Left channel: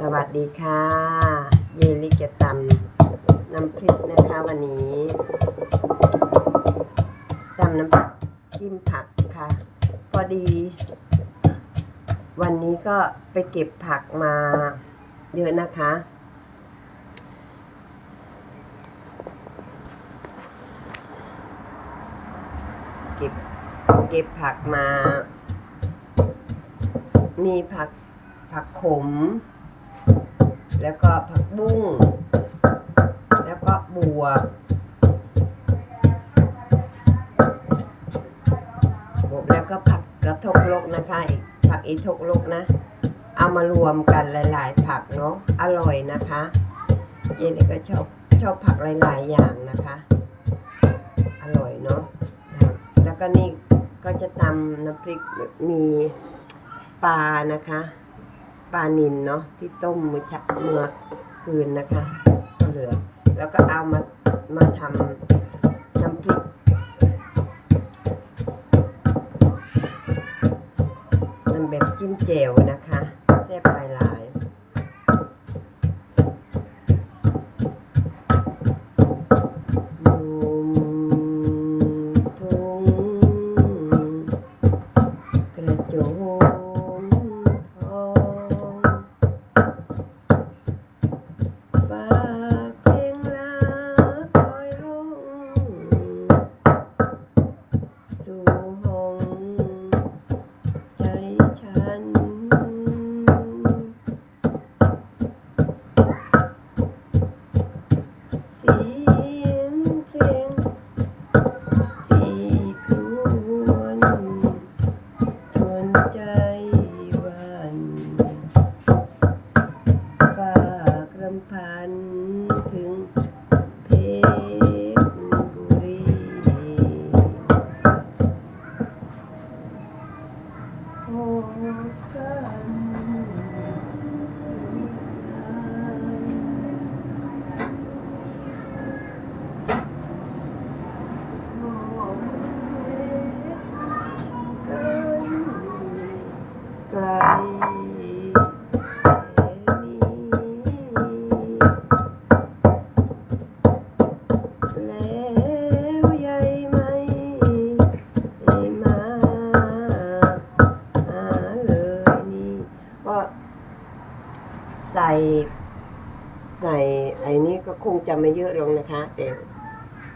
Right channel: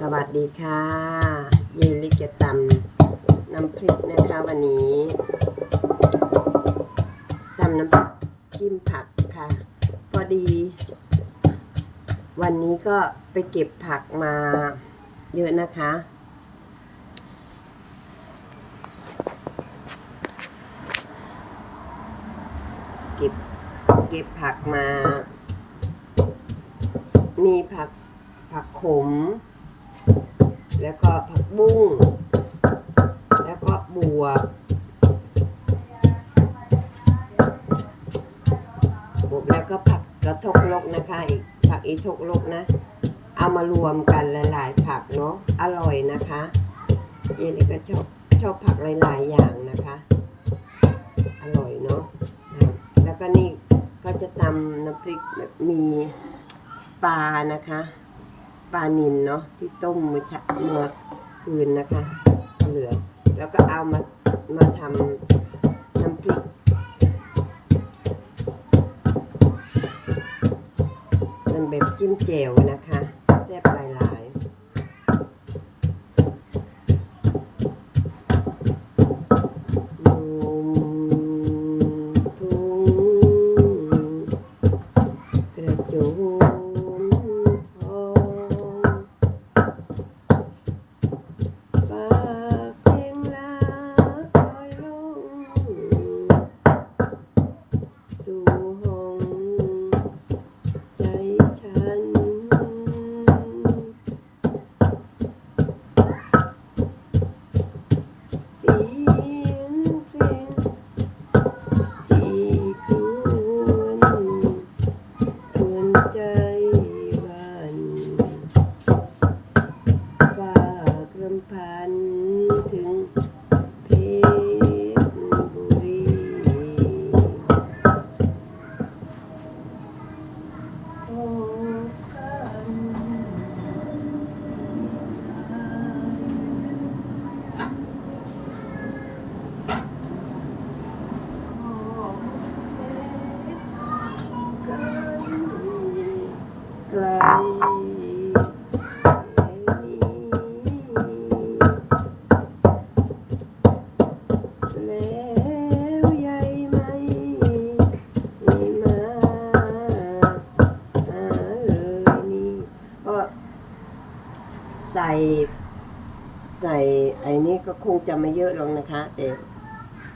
สวัสดีค่ะ เยลิกะตำน้ำพริกนะคะวันนี้ตำน้ำจิ้มผักค่ะ พอดี วันนี้ก็ไปเก็บผักมาเยอะนะคะ เก็บเก็บผักมา มีผักผักขม แล้วก็ผักบุ้ง แล้วก็บวบบวแล้วก็ผักกระทกลกนะคะอีกผักอีทกลกนะ เอามารวมกันหลาย ๆ ผักเนาะอร่อยนะคะเยนก็ชอบชอบผักหลาย ๆ อย่างนะคะ อร่อยเนาะแล้วก็นี่ก็จะตำน้ำพริกมีปลานะคะ ปลานินเนาะที่ต้มเมื่อเช้าเมื่อคืนนะคะ เหลือ แล้วก็เอามามาทำน้ำพริกมันแบบจิ้มแจ่วนะคะแซ่บปลายๆ คงจะไม่เยอะหรอกนะคะ แต่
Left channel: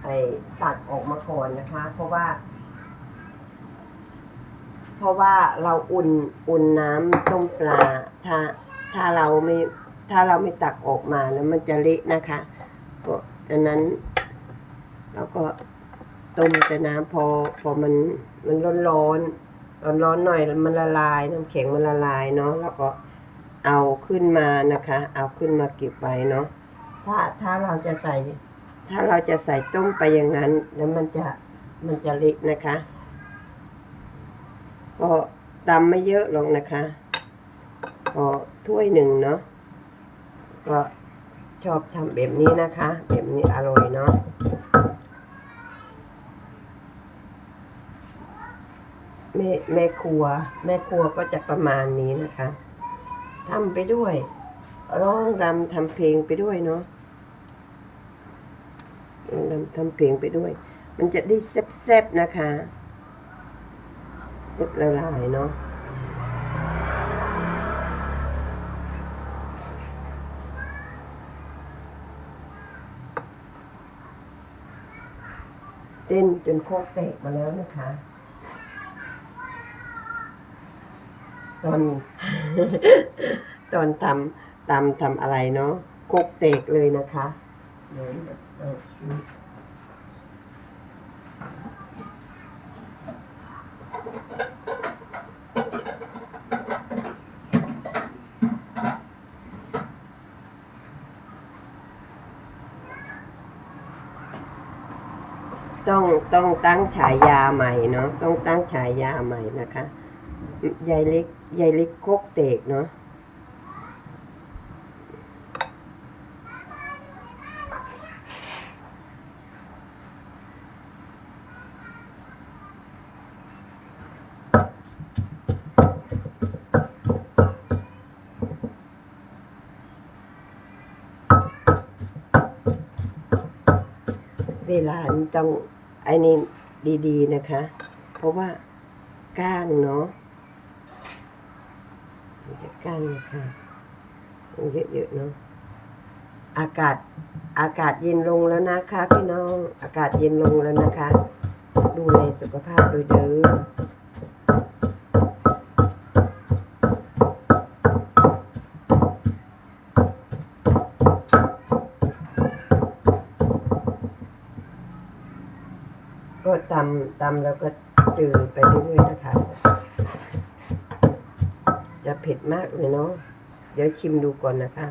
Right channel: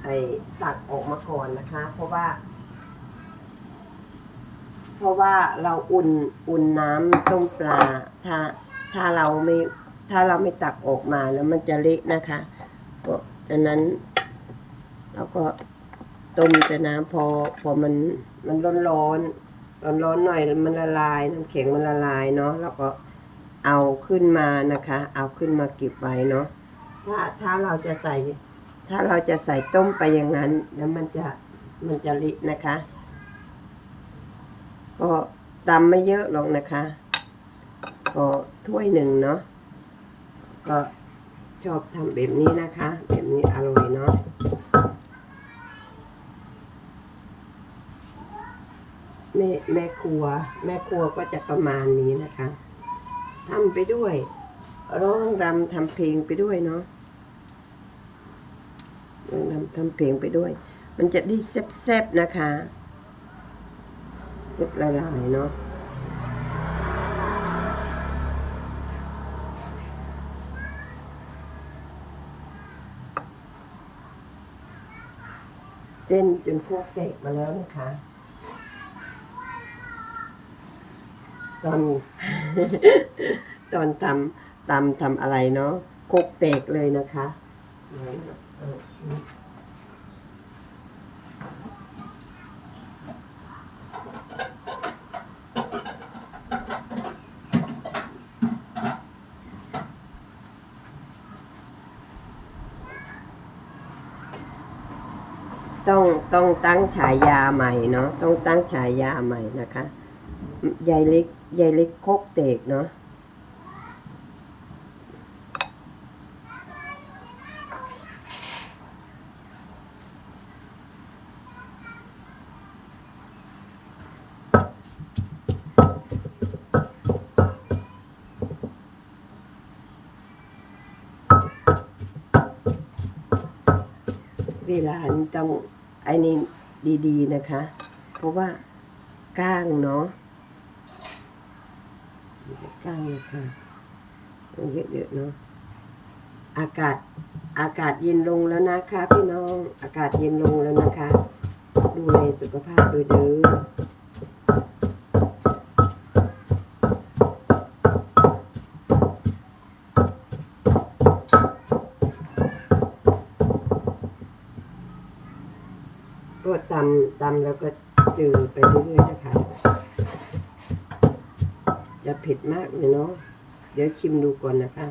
ไอ้ตักออกมาก่อนนะคะ เพราะว่า เพราะว่าเราอุ่นอุ่นน้ำต้มปลา ถ้าถ้าเราไม่ถ้าเราไม่ตักออกมาแล้วมันจะเละนะคะ เพราะฉะนั้นเราก็ต้มแต่น้ำพอพอมันมันร้อนร้อนร้อนร้อนหน่อยมันละลายน้ำแข็งมันละลายเนาะแล้วก็เอาขึ้นมานะคะ เอาขึ้นมาเก็บไว้เนาะ ถ้าถ้าเราจะใส่ ถ้าเราจะใส่ต้มไปอย่างนั้น แล้วมันจะมันจะเละนะคะ ก็ตำไม่เยอะหรอกนะคะก็ถ้วยหนึ่งเนาะก็ชอบทำแบบนี้นะคะ แบบนี้อร่อยเนาะแม่แม่ครัว แม่ครัวก็จะประมาณนี้นะคะทำไปด้วย ร้องรำทำเพลงไปด้วยเนาะ ทำเพลงไปด้วย มันจะได้แซ่บๆนะคะซุปละลายเนาะเต้นจนโคกแตกมาแล้วนะคะ ตอน ตอนทำตำทำอะไรเนาะโคกแตกเลยนะคะเดี๋ยว ต้องต้องตั้งฉายาใหม่เนาะต้องตั้งฉายาใหม่นะคะยายลิกยายลิกโคกเตกเนาะ เวลานี้ต้องไอ้นี่ดีๆนะคะ เพราะว่าก้างเนาะก้างนะคะเยอะๆเนาะอากาศอากาศเย็นลงแล้วนะคะ พี่น้องอากาศเย็นลงแล้วนะคะ ดูแลสุขภาพโดยเด้อ ตำตำแล้วก็จืดไปเรื่อยๆนะคะ จะเผ็ดมากเลยเนาะเดี๋ยวชิมดูก่อนนะคะ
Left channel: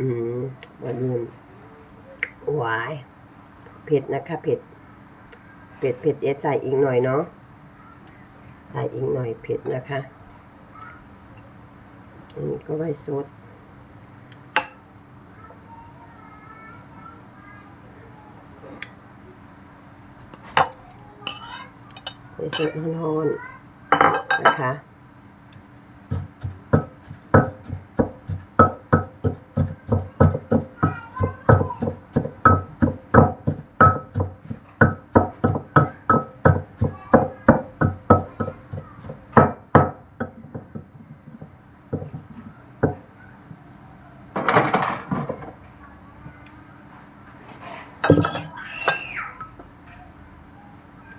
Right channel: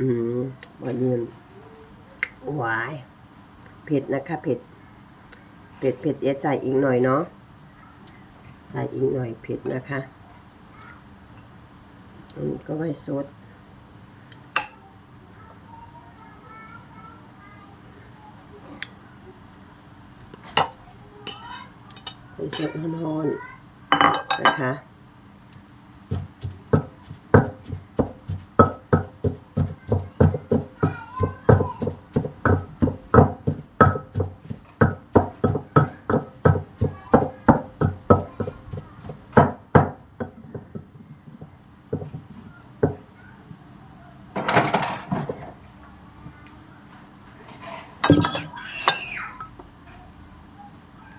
อืมวันนี้หวายเผ็ดนะคะเผ็ดเผ็ดเผ็ดเดี๋ยวใส่อีกหน่อยเนาะใส่อีกหน่อยเผ็ดนะคะอันนี้ก็ไว้ซด สดฮ้อนๆนะคะ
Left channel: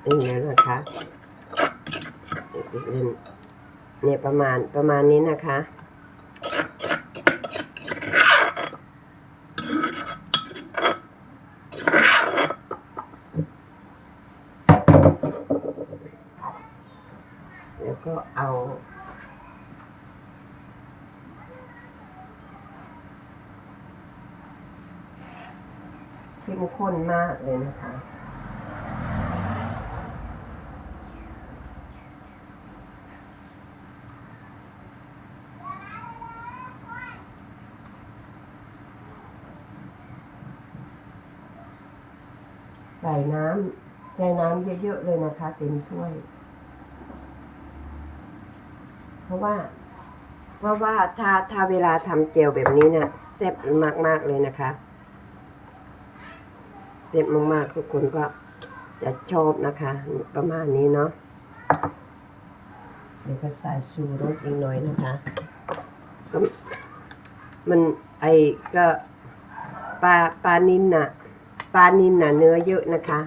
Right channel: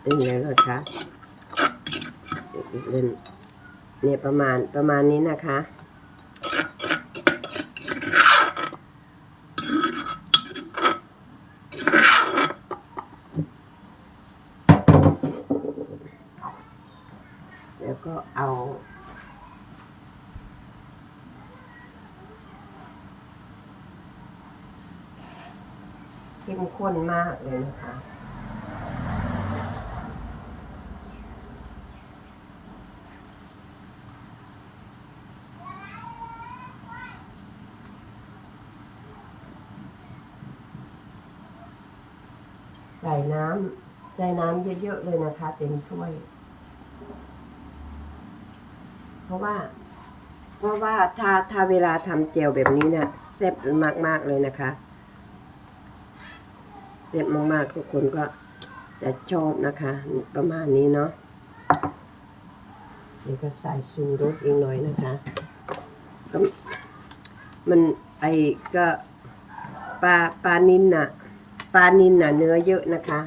นี่แล้วนะคะเล่นเนี่ยประมาณประมาณนี้นะคะแล้วก็เอา เข้มข้นมากเลยนะคะ ส่น้ำใส่น้ำเยอะๆเลยนะคะ เต็มถ้วย เพราะว่า เพราะว่าถ้าถ้าเวลาทำเจลแบบนี้เนี่ยแซ่บมากๆเลยนะคะแซ่บมากๆทุกคนก็จะชอบนะคะ ประมาณนี้เนาะเดี๋ยวก็ใส่ซูรสอีกหน่อยนะคะก็มันไอก็ปลาปลานินน่ะ ปลานินน่ะเนื้อเยอะนะคะ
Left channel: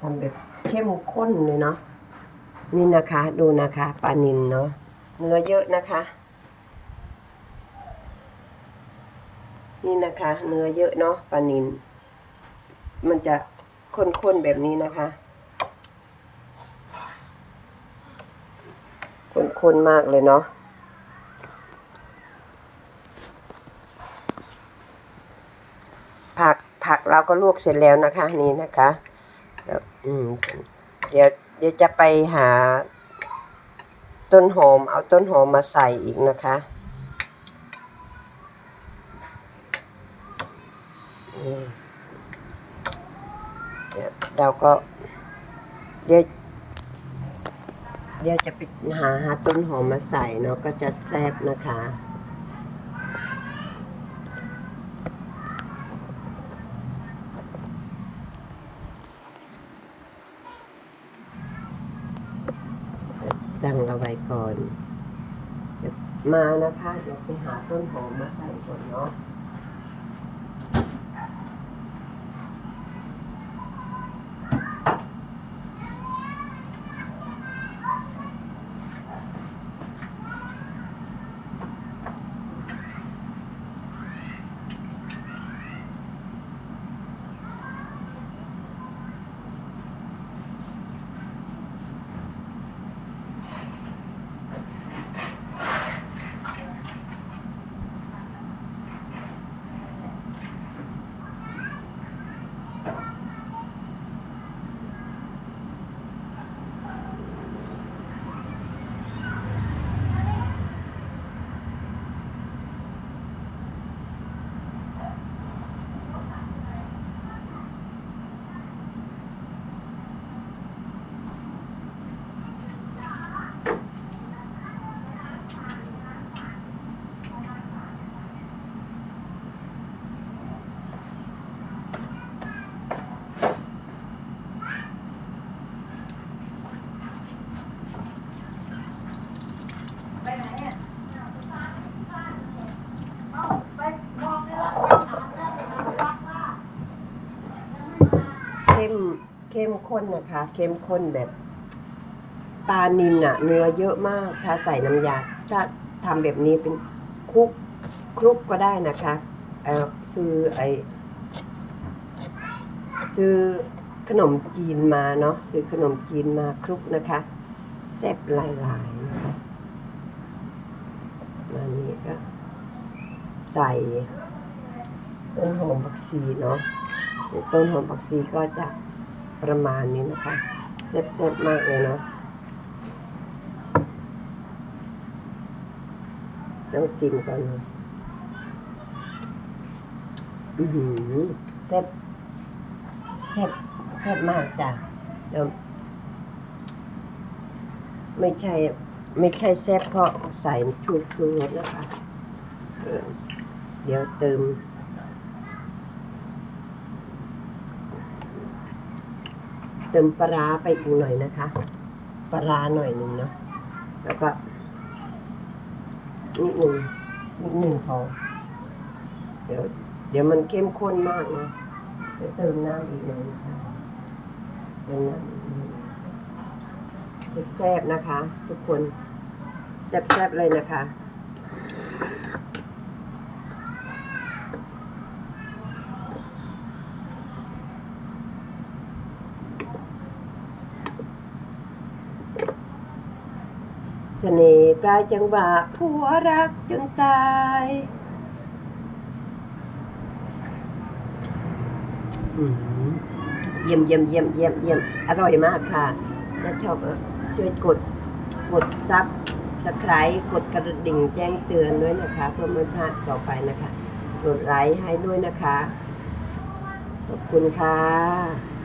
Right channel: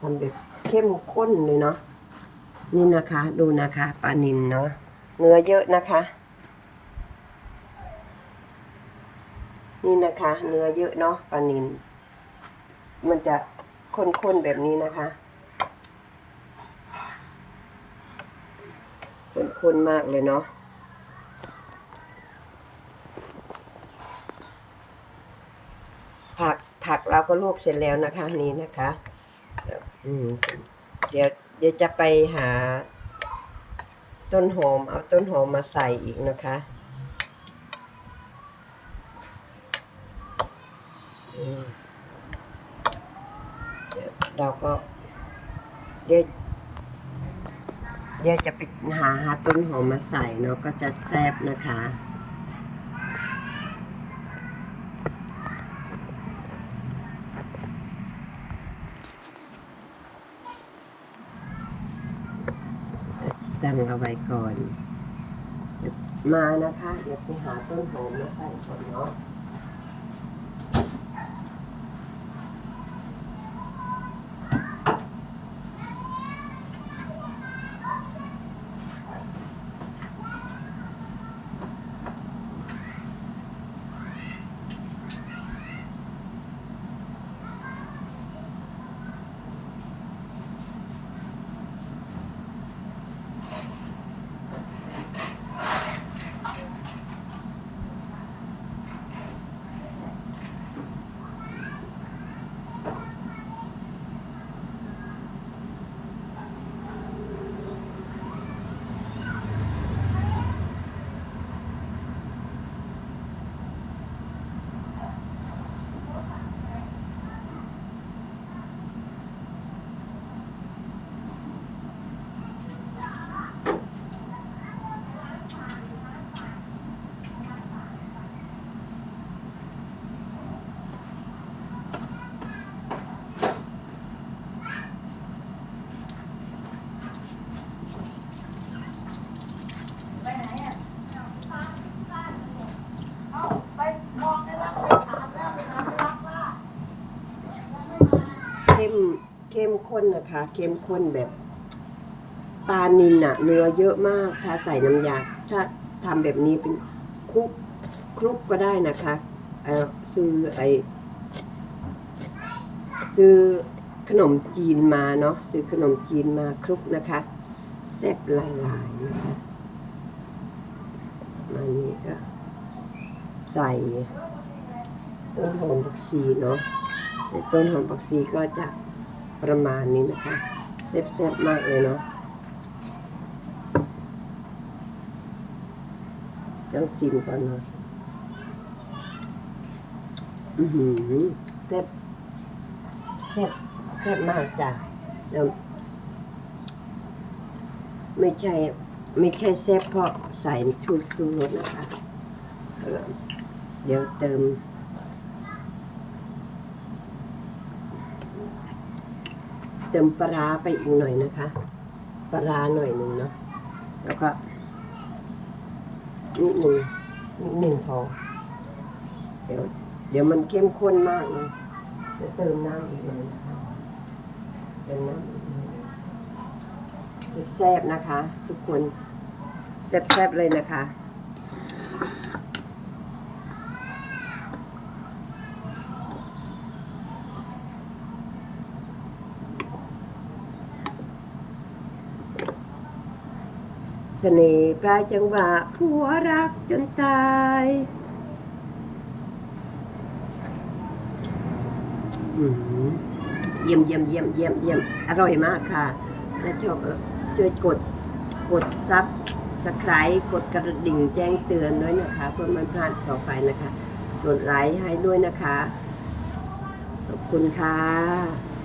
ทำแบบเข้มข้นเลยเนาะนี่นะคะ ดูนะคะปลานินเนาะเนื้อเยอะนะคะ นี่นะคะ เนื้อเยอะเนาะปลานิน มันจะข้นๆแบบนี้นะคะข้นๆมากเลยเนาะ ผักผัก เราก็ลวกเสร็จแล้วนะคะนี่นะคะเดี๋ยวเดี๋ยวจะไปหาต้นหอมเอาต้นหอมมาใส่อีกนะคะเดี๋ยวเราก็เดี๋ยวเดี๋ยวจะไปหาหาต้นหอมมาใส่เนาะก็จะแซ่บนะคะ ตั้งเอาไว้ก่อน มานะคะเดี๋ยวไปหาต้นหอมมาใส่ก่อนเนาะ เข้มข้นนะคะ เข้มข้นแบบปลานินอะเนื้อเยอะมาก ถ้าใส่น้ำยาถ้าทำแบบนี้เป็นคลุกคลุกก็ได้นะคะเออซื้อไอซื้อขนมจีนมาเนาะซื้อขนมจีนมาคลุกนะคะแซ่บหลายๆนะคะมานี่ก็ใส่ต้นหอมผักชีเนาะต่ต้นหอมผักชีก็จะ ประมาณนี้นะคะแซ่บๆมากเลยเนาะต้องชิมก่อนเนาะอือหือแซ่บแซ่บแซ่บมากจ้ะเดี๋ยวไม่ใช่ ไม่ใช่แซ่บเพราะใส่ชูซูนะคะ เดี๋ยวเติม เติมปลาไปอีกหน่อยนะคะ ปลาหน่อยหนึ่งเนาะแล้วก็นิดหนึ่งนิดหนึ่งพอเดี๋ยวเดี๋ยวมันเข้มข้นมากนะเดี๋ยวเติมน้ำอีกหน่อยนะคะเติมน้ำอีกหน่อยแซ่บๆนะคะ ทุกคนแซ่บๆเลยนะคะ สน่ห์ปลายจังหวะผัวรักจนตายอืมเยี่ยมเยี่ยมเยี่ยมเยี่ยมเยี่ยมอร่อยมากค่ะถ้าชอบช่วยกดกดซับสไครต์กดกระดิ่งแจ้งเตือนด้วยนะคะ เพื่อไม่พลาดต่อไปนะคะ กดไลค์ให้ด้วยนะคะ ขอบคุณค่ะ